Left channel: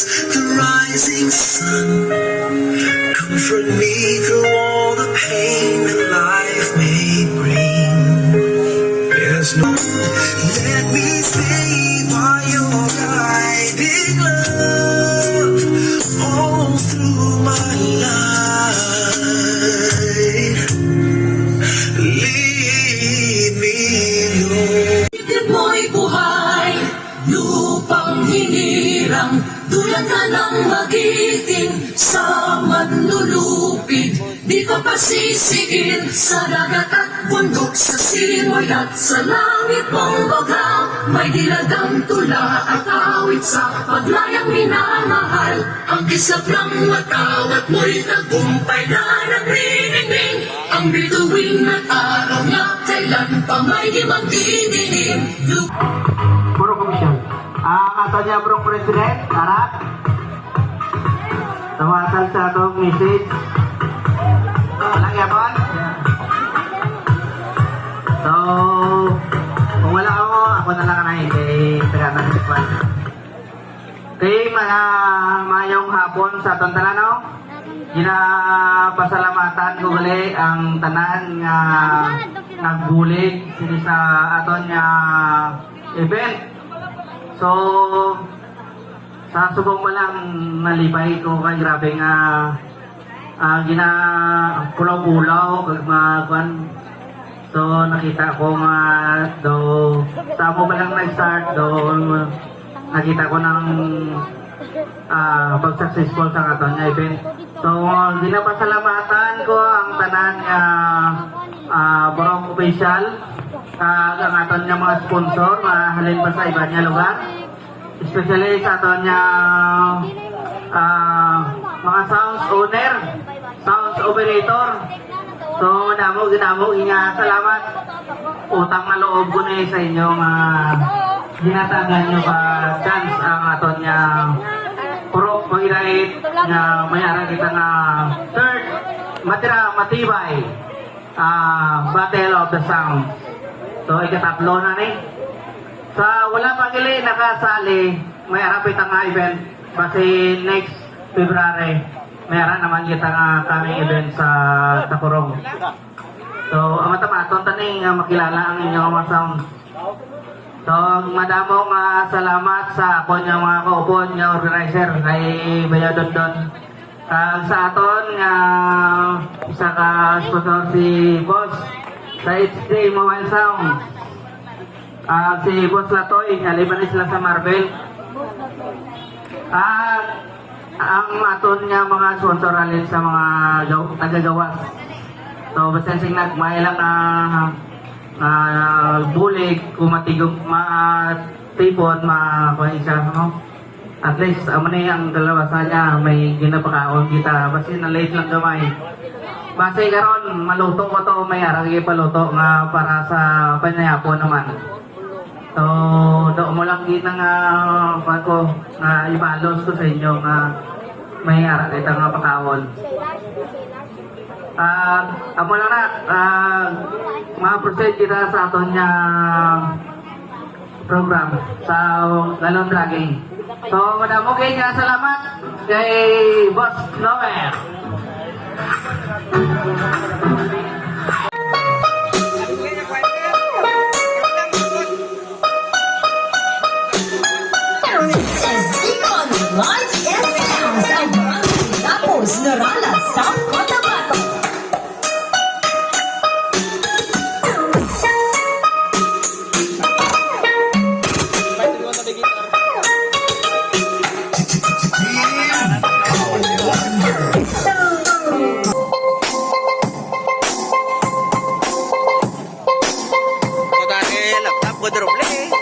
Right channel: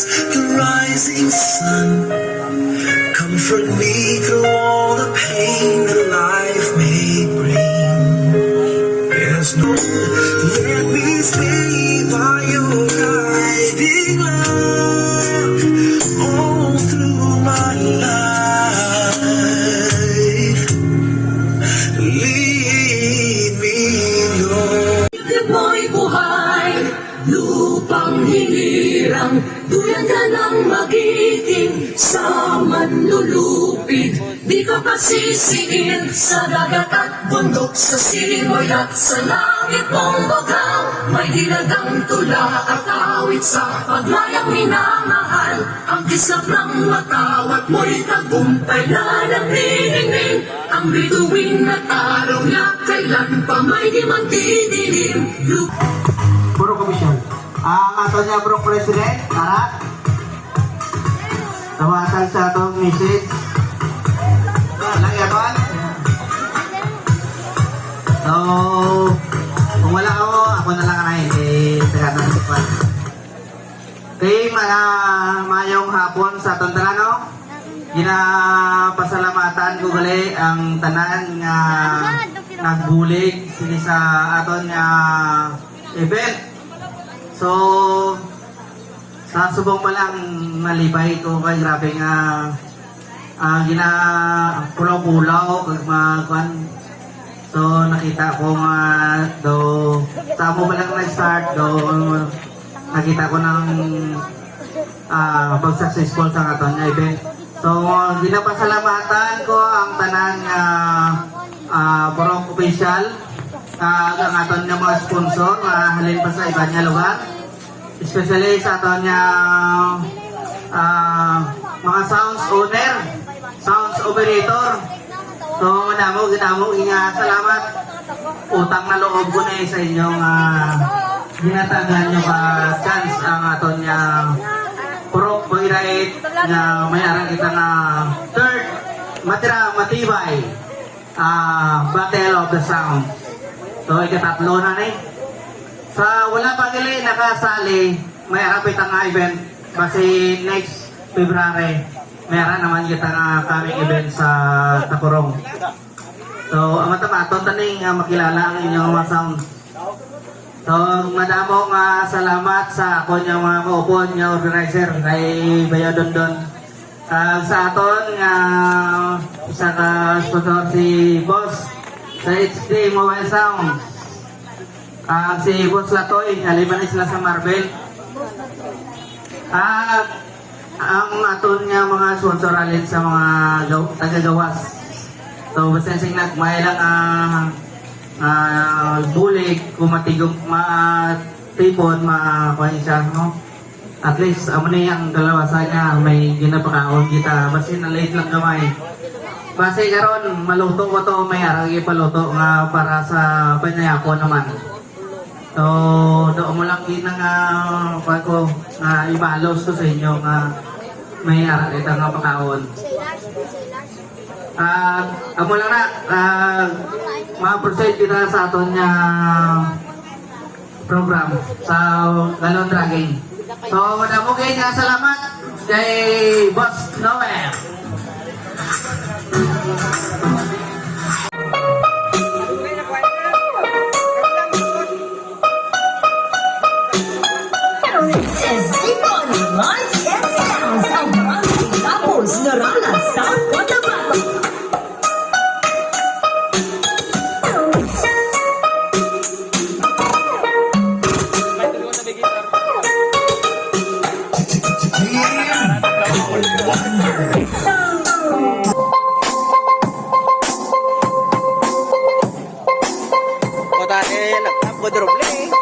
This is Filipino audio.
eyes, the rising sun. Comfort me through all the pain that life may bring. There's no, let me stay while you're hiding love all through my life. Lead me, Lord. Ikit mo'y buhay, lupang hinirang, duyan ka ng magiting sa manlulupig. Di ka pasisiin sa dagat at bundok, sa simoy at sa langit mong bagal. May dilagang tula at awit sa paglayang minamahal. Ang kislap ng matawat mo'y tagumpay na nagriningning. Ang bituin at araw niya kailan pa may di magdidilim. Puro komisyon. Ang ato niya bro president, tara. Tawasan sa atong message. Lang yaton. So, kung wala ako na lang na hindi tagatan si Kwan. Okay, mayong hapon sa atong tanan, no? Ginapasalamatan ko gali ang tanan nga nagbulig sini sa aton nga event. So, sa subong mo lang malibay ko kay grabe nga kulaw-kulaw kag magwan. So, nakita ko nga do sa mo lang na-start do nakita ko ng pag-successful sa aton nga event. So, ginapasalamatan ko ang tanan nga Borong official, ang aton nga mga sponsor, halin pa sa iba niya lugar. Especially sa aton nga mga sounds owner, sounds operator. So, ginamo, salamat. Utang na loob ko na sa inyong ginatagan nyo ka chance ang aton nga puro pag-irait nga may arang kita nga third matibay Battle of the Sound. So ikatatlo na ni. Sa wala pa gili nakasali, may arapit ang event kasi next February mayroon naman kita nga coming event sa Tacorong. So ang matamaton taning makilala ang inyong mga sound. So, madamo nga salamat sa ako niya mga kaupon niya organizer kay Bayo Dondon. Sa aton nga isa ka sponsor si Boss sa HD Mobile Sound. Si Boss Latoy, aliban sila sa Marvel. Ang aton nga mga sponsor alin sa mga taga-gawas. So, basta sing nagmay lang bulig, kumatigog, tipon, kuha siya, no? At least, amo na yung dalawa sa niya, may ginapakaon kita. Basta na late lang gamay. Basta karon maluto ko to, may arang ipaluto nga para sa panyayako naman. So, doon mo lang kita nga, pako, nga ibalos ko sa inyo nga may arang ito nga pakaon. Amo lang na, ma-proceed kita sa aton niya program sa Galon Dragging. So, madamo kayo nga salamat kay Boss Noel. Lights and sounds ang mga tapos narala sa Cotabato. Laptop ko droble.